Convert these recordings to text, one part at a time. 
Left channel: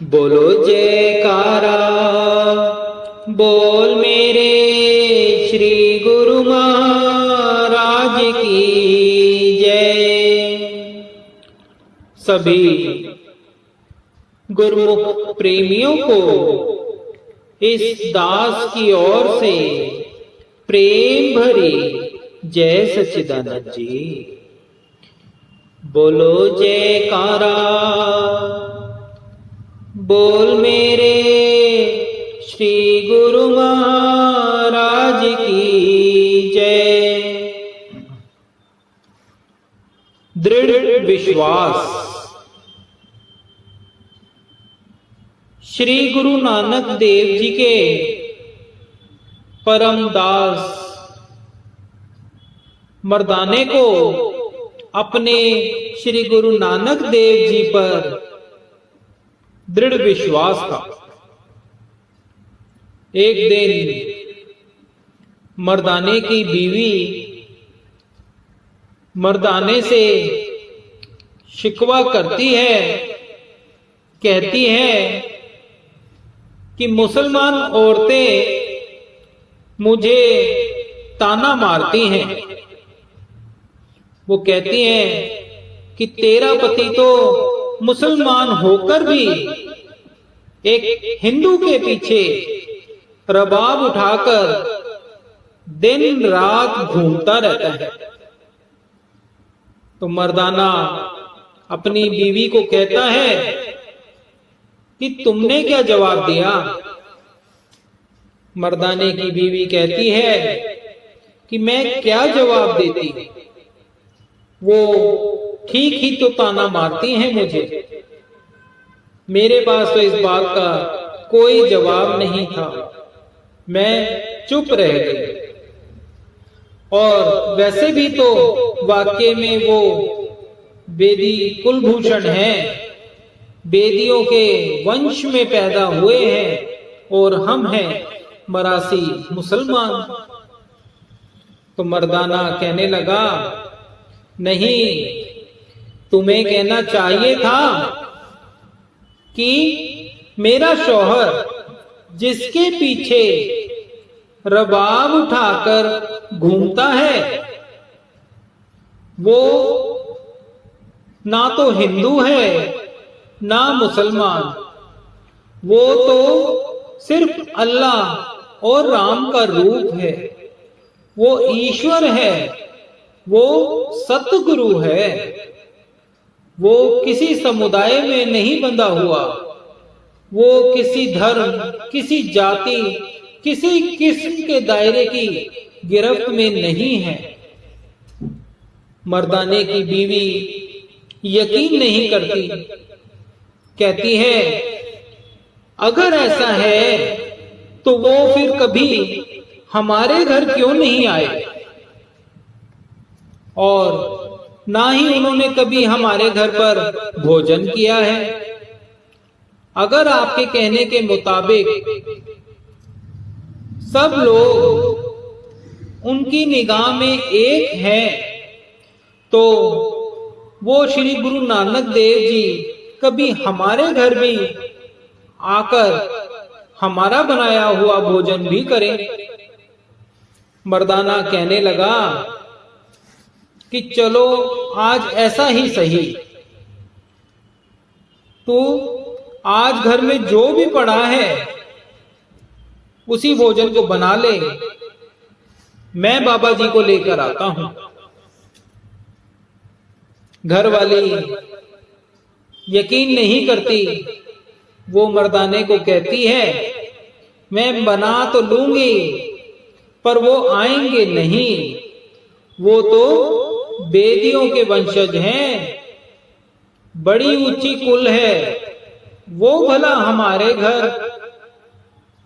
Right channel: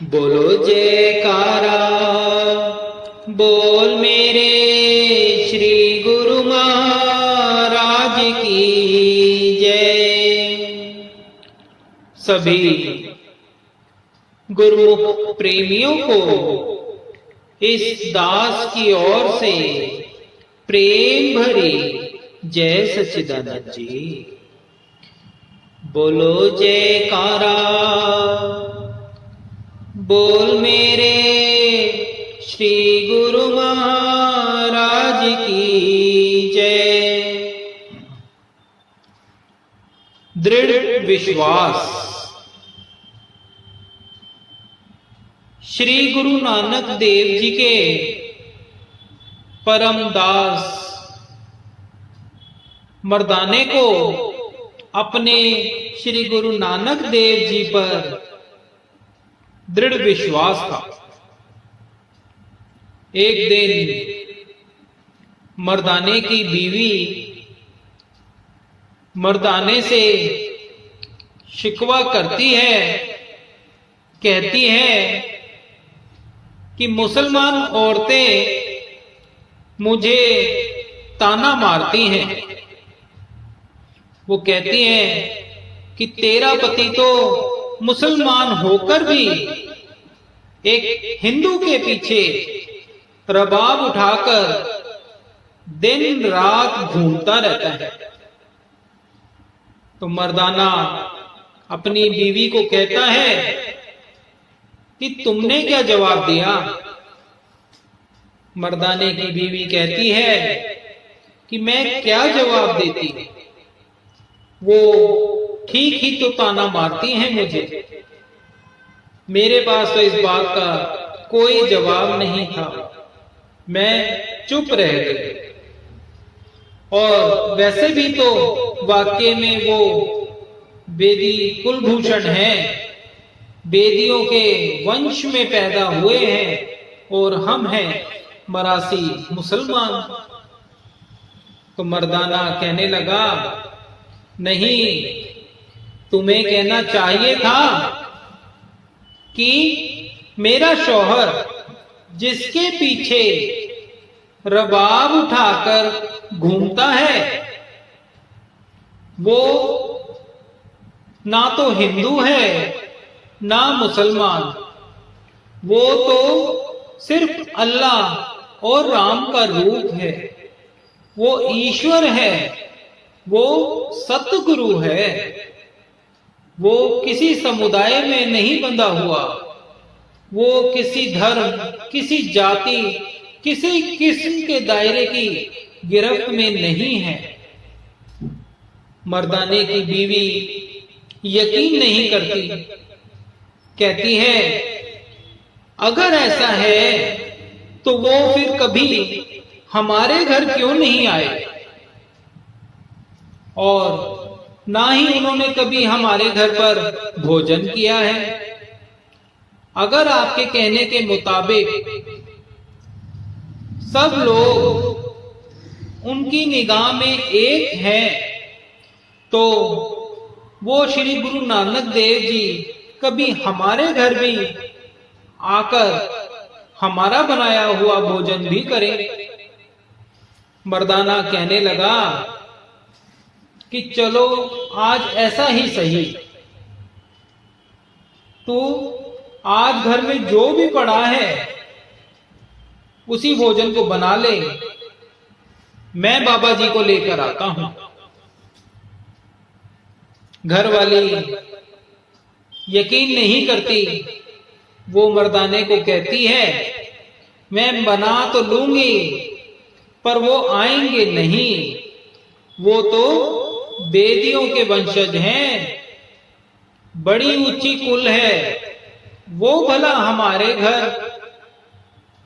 बोलो जयकारा, बोल मेरे श्री गुरु महाराज की जय। सभी गुरुमुख प्रेमियों को इस दास की ओर से प्रेम भरी जय सच्चिदानंद जी। बोलो जयकारा, बोल मेरे श्री गुरु महाराज की जय। दृढ़ विश्वास। श्री गुरु नानक देव जी के परम दास मर्दाने को अपने श्री गुरु नानक देव जी पर दृढ़ विश्वास था। एक दिन मर्दाने की बीवी मर्दाने से शिकवा करती है, कहती है कि मुसलमान औरतें मुझे ताना मारती हैं। वो कहती हैं कि तेरा पति तो मुसलमान होकर भी एक हिंदू के पीछे रबाब उठाकर दिन रात घूमता रहता है। तो मर्दाना अपनी बीवी को कहता है कि तुमने क्या जवाब दिया। मर्दाने की बीवी कहती है कि मैं क्या जवाब देती, वो ठीक ही तो ताना मारती हैं मुझे। मेरे पास तो इस बात का कोई जवाब नहीं था, मैं चुप रह गई। और वैसे भी तो वाकई में वो बेदी कुलभूषण हैं, बेदियों के वंश में पैदा हुए हैं और हम हैं मरासी मुसलमान। तो मर्दाना कहने लगा, नहीं, तुम्हें कहना चाहिए था कि मेरा शौहर जिसके पीछे रबाब उठाकर घूमता है वो ना तो हिंदू है ना मुसलमान, वो तो सिर्फ अल्लाह और राम का रूप है। वो ईश्वर है, वो सतगुरु है। वो किसी समुदाय में नहीं बंधा हुआ, वो किसी धर्म, किसी जाति, किसी किस्म के दायरे की गिरफ्त में नहीं है। मर्दाने की बीवी यकीन नहीं करती, कहती है अगर ऐसा है तो वो फिर कभी हमारे घर क्यों नहीं आए, और ना ही उन्होंने कभी हमारे घर पर भोजन किया है। अगर आपके कहने के मुताबिक सब लोग उनकी निगाह में एक हैं, तो वो श्री गुरु नानक देव जी कभी हमारे घर भी आकर हमारा बनाया हुआ भोजन भी करें। मर्दाना कहने लगा कि चलो आज ऐसा ही सही, तू आज घर में जो भी पड़ा है उसी भोजन को बना ले, मैं बाबा जी को लेकर आता हूं। घर वाली यकीन नहीं करती, वो मर्दाने को कहती है मैं बना तो लूंगी पर वो आएंगे नहीं, वो तो बेदियों के वंशज हैं, बड़ी ऊंची कुल है, वो भला हमारे घर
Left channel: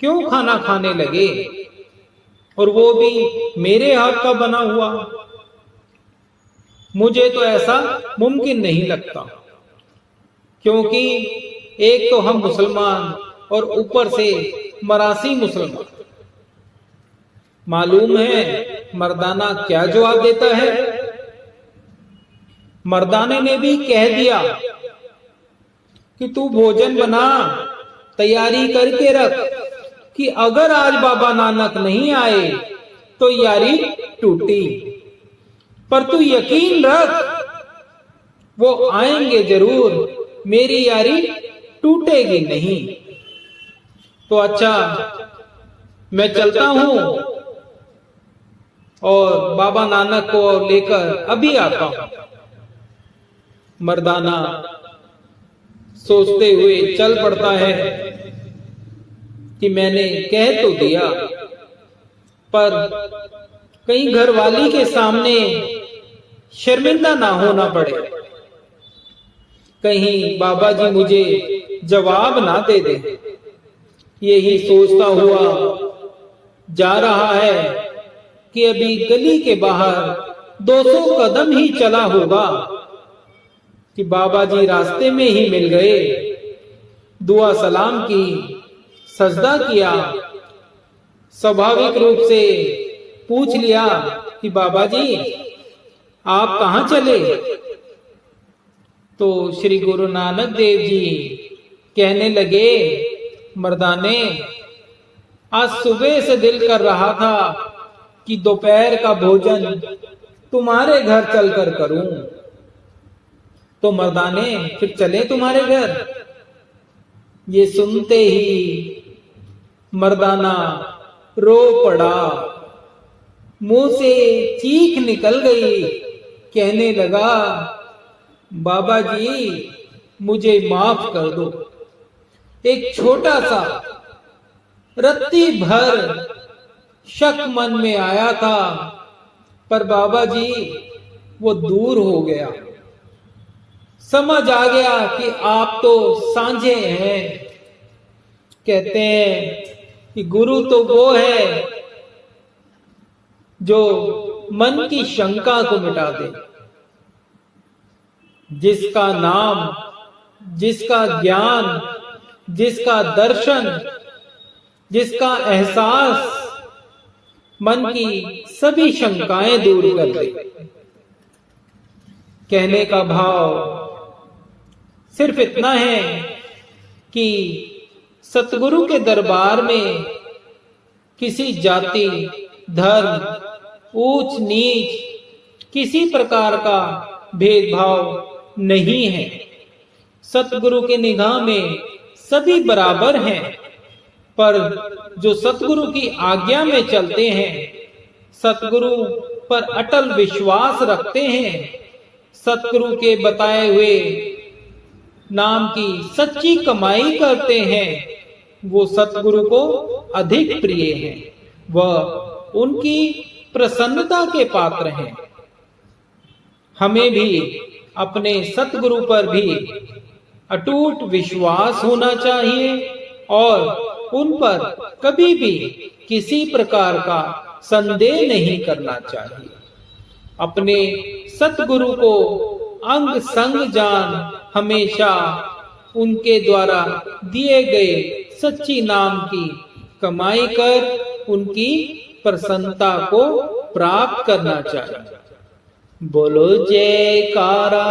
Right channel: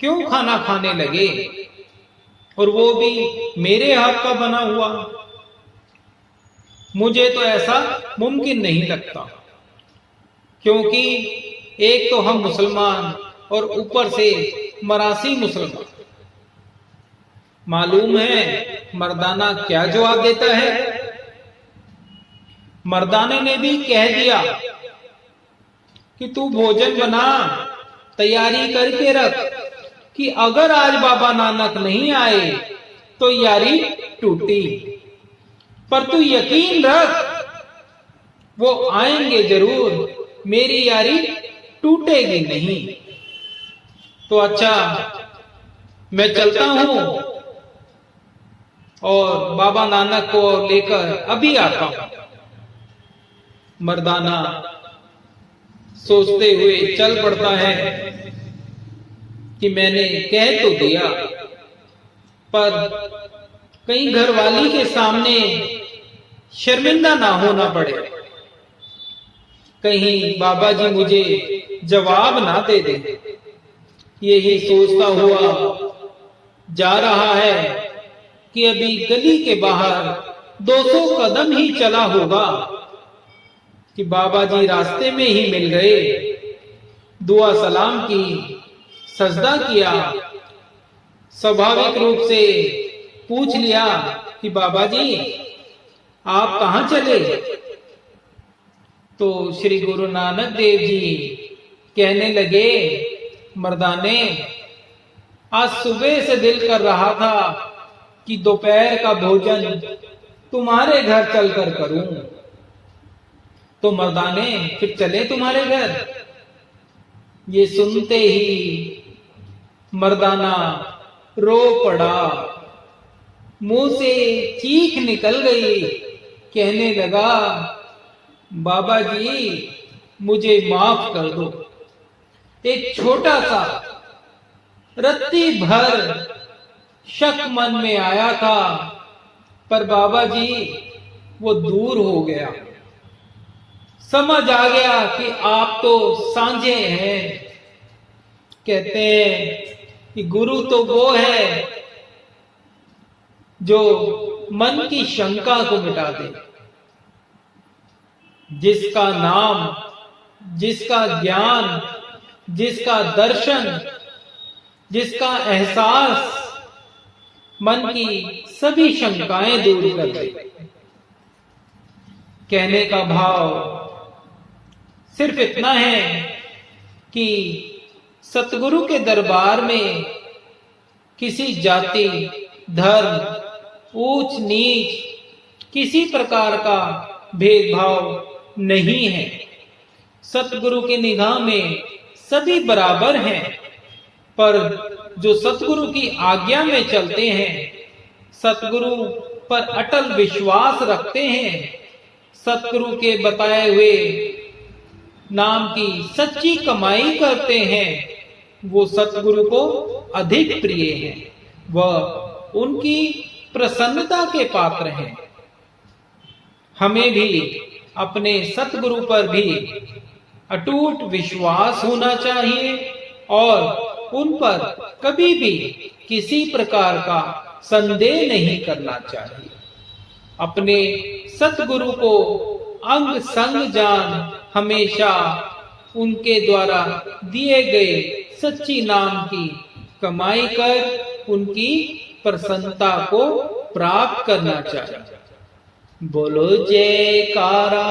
क्यों खाना खाने लगे, और वो भी मेरे हाथ का बना हुआ। मुझे तो ऐसा मुमकिन नहीं लगता, क्योंकि एक तो हम मुसलमान और ऊपर से मरासी मुसलमान। मालूम है मर्दाना क्या जवाब देता है। मर्दाने ने भी कह दिया कि तू भोजन बना, तैयारी करके रख कि अगर आज बाबा नानक नहीं आए तो यारी टूटी। पर तू यकीन रख वो आएंगे जरूर, मेरी यारी टूटेगी नहीं। तो अच्छा, मैं चलता हूं और बाबा नानक को लेकर अभी आता हूं। मर्दाना सोचते हुए चल पड़ता है कि मैंने कह तो दिया, पर कहीं घरवाली के सामने शर्मिंदा ना होना पड़े, कहीं बाबा जी मुझे जवाब ना दे दे। यही सोचता हुआ जा रहा है कि अभी गली के बाहर 200 कदम ही चला होगा कि बाबा जी रास्ते में ही मिल गए। दुआ सलाम की, सजदा किया, स्वाभाविक रूप से पूछ लिया कि बाबा जी आप कहां चले? तो श्री गुरु नानक देव जी कहने लगे, मर्दाने आज सुबह से दिल कर रहा था कि दोपहर का भोजन तुम्हारे घर चलकर करूं, तो मर्दाने फिर चले तुम्हारे घर। ये सुनते ही मर्दाना रो पड़ा, मुंह से चीख निकल गई, कहने लगा बाबा जी मुझे माफ कर दो। एक छोटा सा रत्ती भर शक मन में आया था, पर बाबा जी वो दूर हो गया। समझ आ गया कि आप तो सांझे हैं। कहते हैं कि गुरु तो वो है जो मन की शंका को मिटा दे, जिसका नाम, जिसका ज्ञान, जिसका दर्शन, जिसका एहसास मन की सभी शंकाएं दूर कर दे। कहने का भाव सिर्फ इतना है कि सतगुरु के दरबार में किसी जाति, धर्म, ऊंच नीच, किसी प्रकार का भेदभाव नहीं है। सतगुरु की निगाह में सभी बराबर हैं, पर जो सतगुरु की आज्ञा में चलते हैं, सतगुरु पर अटल विश्वास रखते हैं, सतगुरु के बताए हुए नाम की सच्ची कमाई करते हैं, वो सतगुरु को अधिक प्रिय हैं, वह उनकी प्रसन्नता के पात्र हैं। हमें भी अपने सतगुरु पर भी अटूट विश्वास होना चाहिए और उन पर कभी भी किसी प्रकार का संदेह नहीं करना चाहिए। अपने सतगुरु को अंग संग जान हमेशा उनके द्वारा दिए गए सच्ची नाम की कमाई कर उनकी प्रसन्नता को प्राप्त करना चाहिए। बोलो जयकारा,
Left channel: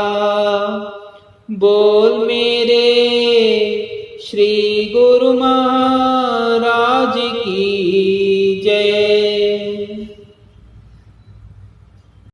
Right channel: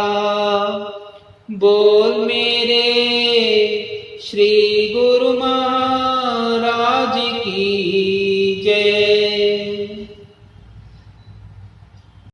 बोल मेरे श्री